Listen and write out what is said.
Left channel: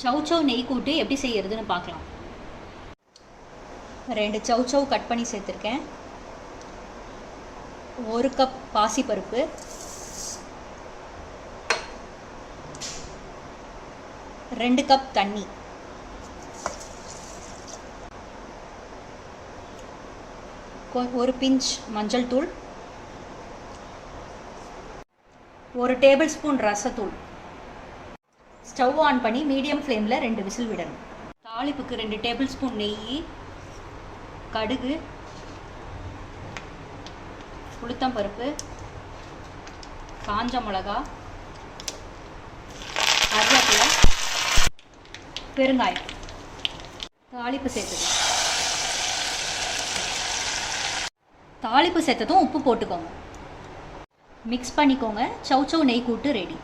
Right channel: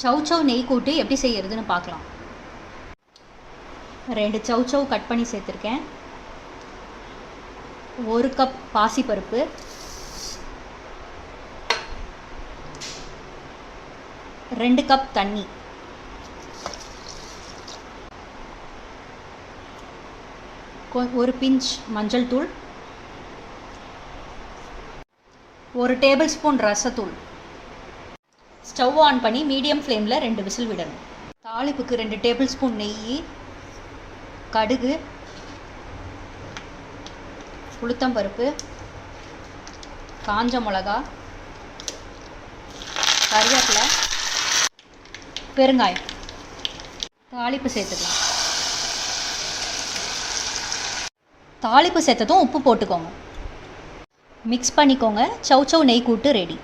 சௌசௌ நெய் கூட்டு எப்படி செய்யறதுன்னு பார்க்கலாம். 2 சௌசௌ கட் பண்ணி சேர்த்துருக்கேன். 1 கப் பாசிப்பருப்பு, 2 கப் தண்ணி, ஒரு பிஞ்ச் மஞ்சள் தூள், 1 டேபிள் ஸ்பூன் ரசத்தூள். ஸ்டவ் ஆன் பண்ணி மீடியம் ஃப்ளேமில் 2 விசில் விடணும். தாளிப்புக்கு 2 டேபிள் ஸ்பூன் நெய், கடுகு, உளுத்தம்பருப்பு, காஞ்ச மிளகா, கருவேப்பிலை, பெருங்காயம். தாளிப்பு சேர்த்துக்கணும். தாளிப்பு சேர்த்ததும் உப்பு போட்டுக்கோங்க. மிக்ஸ் பண்ணிக்கோங்க. சௌசௌ நெய் கூட்டு ரெடி.